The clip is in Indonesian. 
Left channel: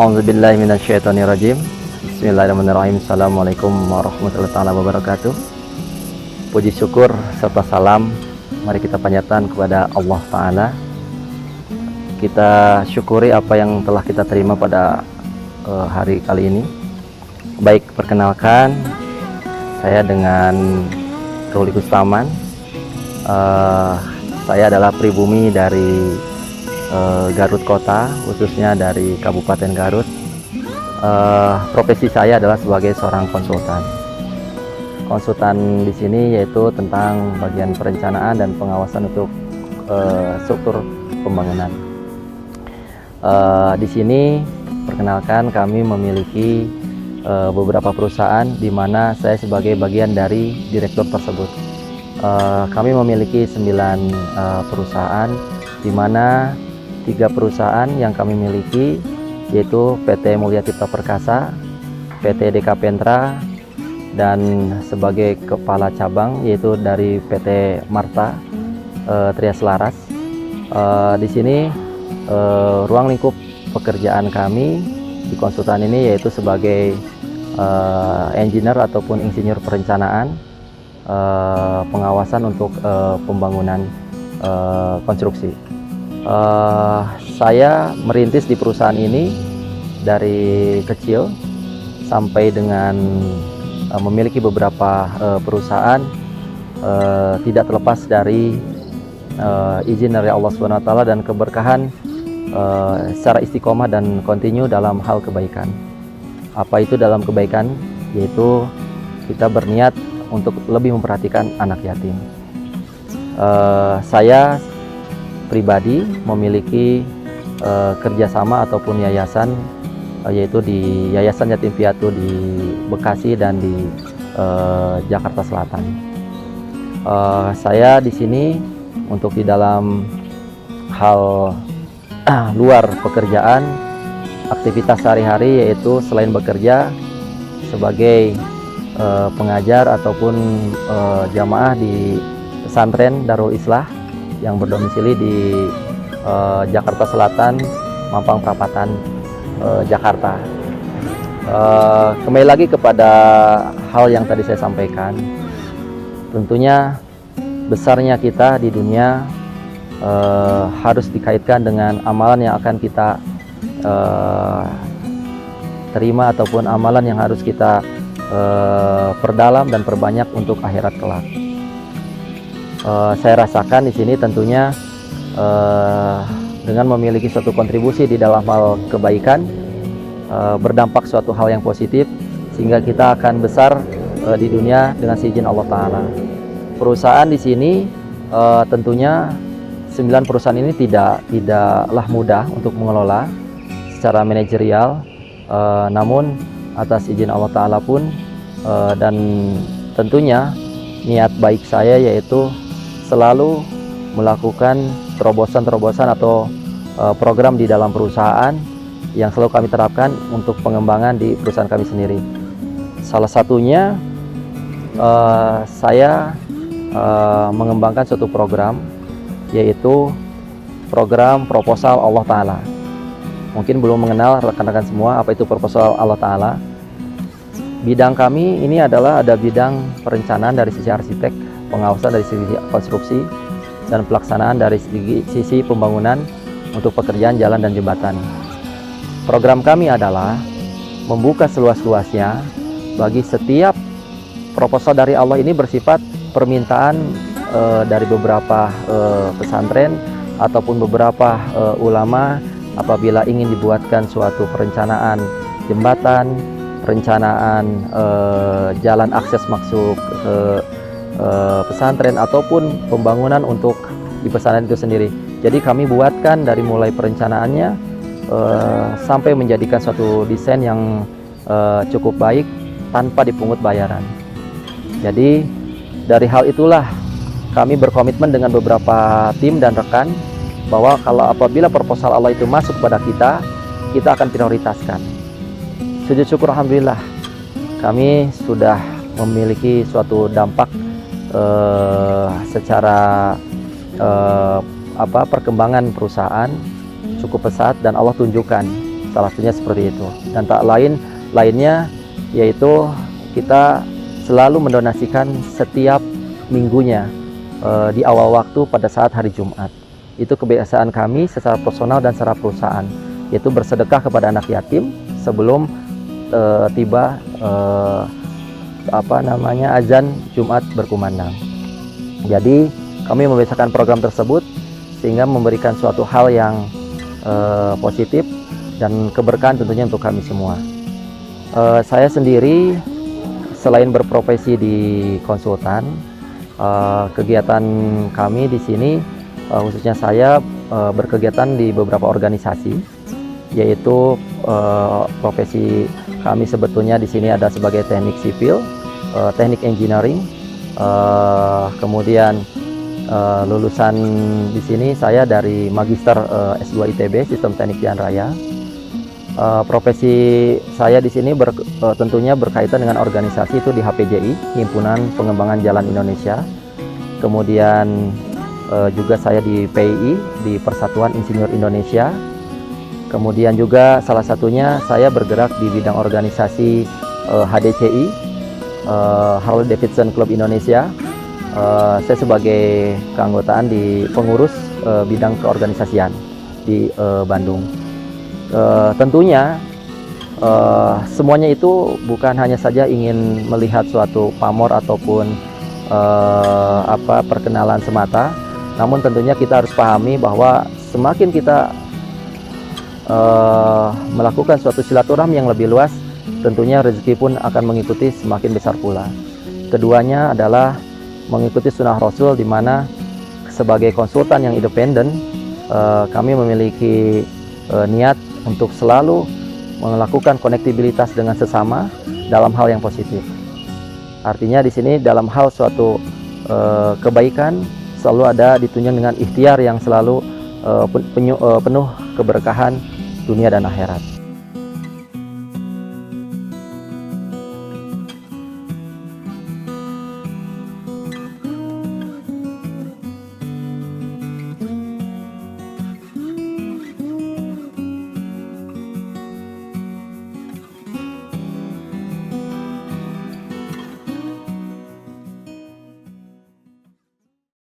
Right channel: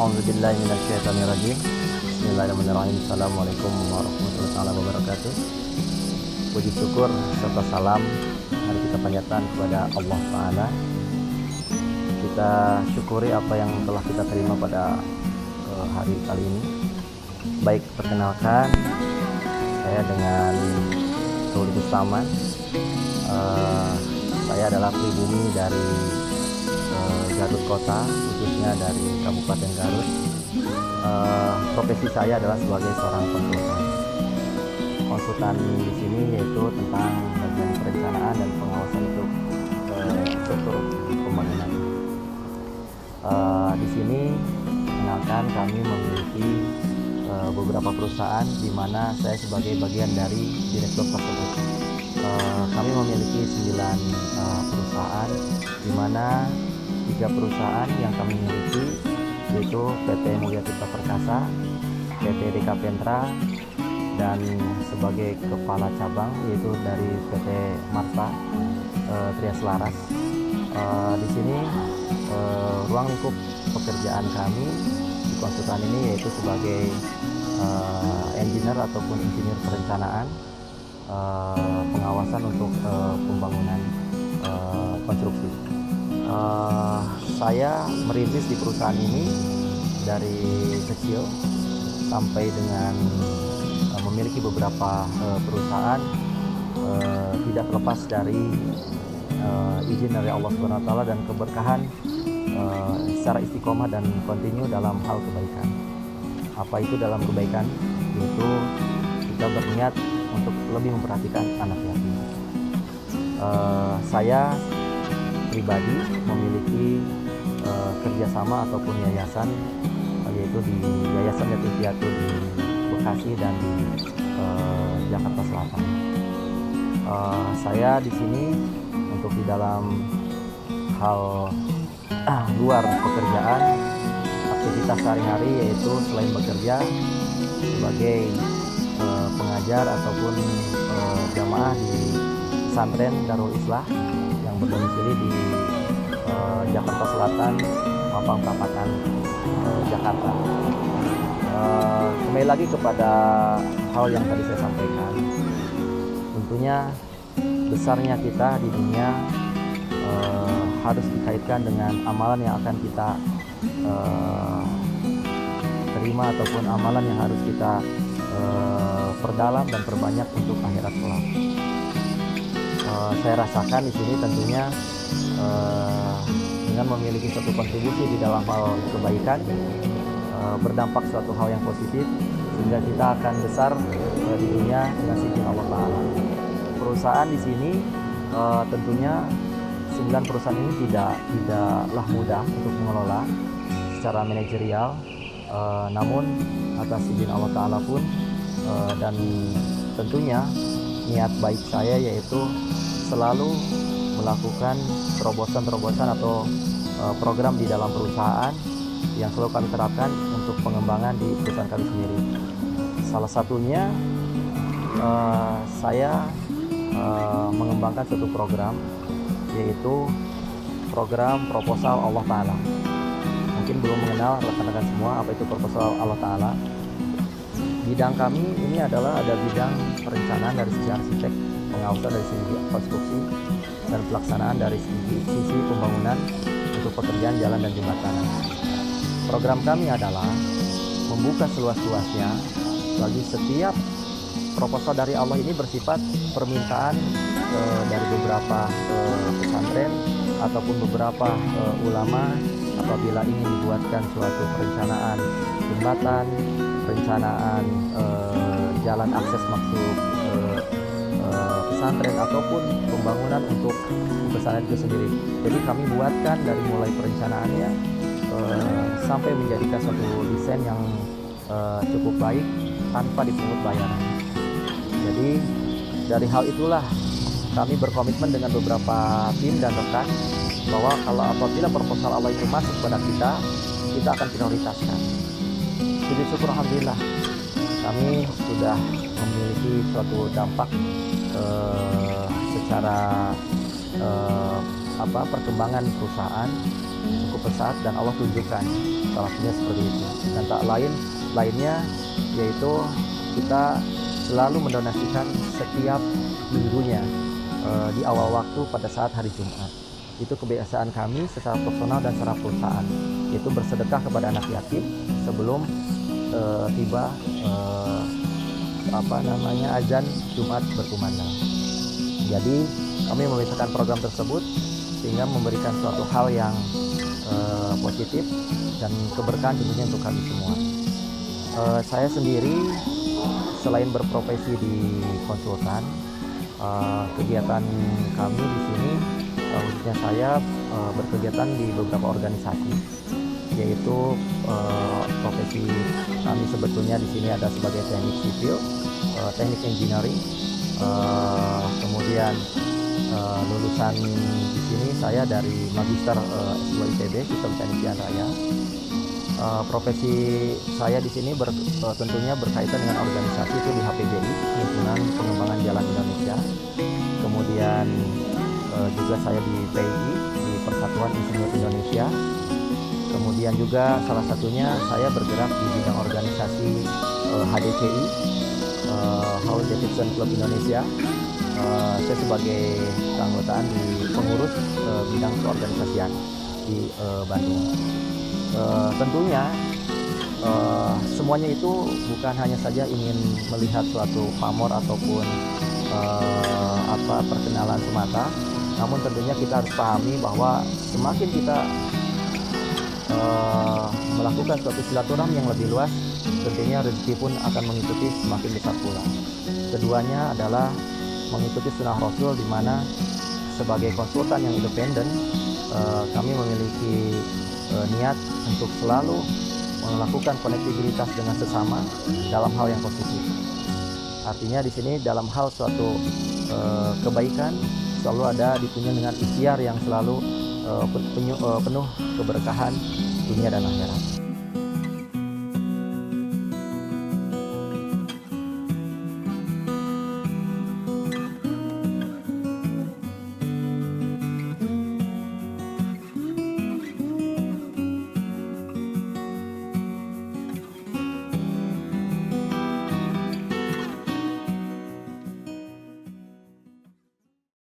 A'udzubillahi minasyaitonirrajim. Bismillahirrahmanirrahim. Assalamualaikum warahmatullahi wabarakatuh. Puji syukur serta salam mari kita panjatkan kepada Allah Ta'ala. Kita syukuri apa yang telah kita terima pada hari kali ini. Baik, perkenalkan saya dengan Kauli Kustaman. Saya adalah pribumi dari Garut Kota, khususnya dari Kabupaten Garut. Profesi saya adalah sebagai seorang konsultan. Konsultan di sini yaitu tentang bagian perencanaan dan pengawasan untuk struktur pembangunan. Di sini perkenalkan kami memiliki beberapa perusahaan di mana saya sebagai bagian dari direktur tersebut. Kami memiliki 9 perusahaan, di mana 3 perusahaan yang kami miliki yaitu PT Mulia Cipta Perkasa, PT DK Pentra, dan sebagai kepala cabang yaitu dari PT Marta Trias Laras. Di sini ruang lingkup pekerjaan kami di konsultan ini yaitu sebagai engineer ataupun insinyur perencanaan, pengawasan untuk pembangunan konstruksi. Saya merintis di perusahaan ini dari kecil sampai dengan memiliki beberapa perusahaan, tidak terlepas dari izin dari Allah SWT dan keberkahan secara istiqomah dan kontinu dalam hal kebaikan. Apa itu dalam kebaikan? Yaitu kita berniat untuk lebih memperhatikan anak yatim. Saya pribadi memiliki kerjasama ataupun yayasan, yaitu di Yayasan Yatim Piatu di Bekasi dan di Jakarta Selatan. Saya di sini untuk di dalam hal luar pekerjaan, aktivitas sehari-hari yaitu selain bekerja sebagai pengajar ataupun jamaah di pesantren Darul Islah yang berdomisili di Jakarta Selatan, Mampang Perapatan, Jakarta. Kembali lagi kepada hal yang tadi saya sampaikan, tentunya besarnya kita di dunia harus dikaitkan dengan amalan yang akan kita terima ataupun amalan yang harus kita perdalam dan perbanyak untuk akhirat kelak. Saya rasakan di sini tentunya dengan memiliki suatu kontribusi di dalam hal kebaikan, berdampak suatu hal yang positif sehingga kita akan besar di dunia dengan seizin Allah Ta'ala. Perusahaan di sini tentunya 9 perusahaan ini tidaklah mudah untuk mengelola secara manajerial, namun atas izin Allah Ta'ala pun dan tentunya niat baik saya yaitu selalu melakukan terobosan-terobosan atau program di dalam perusahaan yang selalu kami terapkan untuk pengembangan di perusahaan kami sendiri. Salah satunya saya mengembangkan suatu program yaitu program proposal Allah Ta'ala. Mungkin belum mengenal rekan-rekan semua apa itu proposal Allah Ta'ala. Bidang kami ini adalah ada bidang perencanaan dari sisi arsitek, pengawasan dari sisi konstruksi, dan pelaksanaan dari sisi pembangunan untuk pekerjaan jalan dan jembatan. Program kami adalah membuka seluas-luasnya bagi setiap proposal dari Allah. Ini bersifat permintaan dari beberapa pesantren ataupun beberapa ulama apabila ingin dibuatkan suatu perencanaan jembatan, perencanaan jalan akses masuk pesantren ataupun pembangunan untuk di pesantren itu sendiri. Jadi kami buatkan dari mulai perencanaannya sampai menjadikan suatu desain yang cukup baik tanpa dipungut bayaran. Jadi dari hal itulah kami berkomitmen dengan beberapa tim dan rekan bahwa kalau apabila proposal Allah itu masuk pada kita akan prioritaskan. Sujud syukur alhamdulillah kami sudah memiliki suatu dampak secara perkembangan perusahaan cukup pesat dan Allah tunjukkan salah satunya seperti itu. Dan tak lainnya yaitu kita selalu mendonasikan setiap minggunya di awal waktu pada saat hari Jumat. Itu kebiasaan kami secara personal dan secara perusahaan, yaitu bersedekah kepada anak yatim sebelum tiba azan Jumat berkumandang. Jadi kami membiasakan program tersebut sehingga memberikan suatu hal yang positif dan keberkahan tentunya untuk kami semua. Saya sendiri selain berprofesi di konsultan, kegiatan kami di sini khususnya saya berkegiatan di beberapa organisasi, yaitu profesi kami sebetulnya di sini ada sebagai teknik sipil, teknik engineering, kemudian lulusan di sini saya dari Magister S2 ITB Sistem Teknik Jalan Raya. Profesi saya di sini tentunya berkaitan dengan organisasi itu di HPJI, Himpunan Pengembangan Jalan Indonesia. Kemudian juga saya di PII, di Persatuan Insinyur Indonesia. Kemudian juga salah satunya saya bergerak di bidang organisasi HDCI, Harley Davidson Club Indonesia. Saya sebagai keanggotaan di pengurus bidang keorganisasian di Bandung. Tentunya semuanya itu bukan hanya saja ingin melihat suatu pamor ataupun perkenalan semata, namun tentunya kita harus pahami bahwa semakin kita melakukan suatu silaturahmi yang lebih luas, tentunya rezeki pun akan mengikuti semakin besar pula. Keduanya adalah mengikuti sunnah Rasul, di mana sebagai konsultan yang independen kami memiliki niat untuk selalu melakukan konektivitas dengan sesama dalam hal yang positif. Artinya di sini dalam hal suatu kebaikan selalu ada ditunjang dengan ikhtiar yang selalu penuh keberkahan dunia dan akhirat.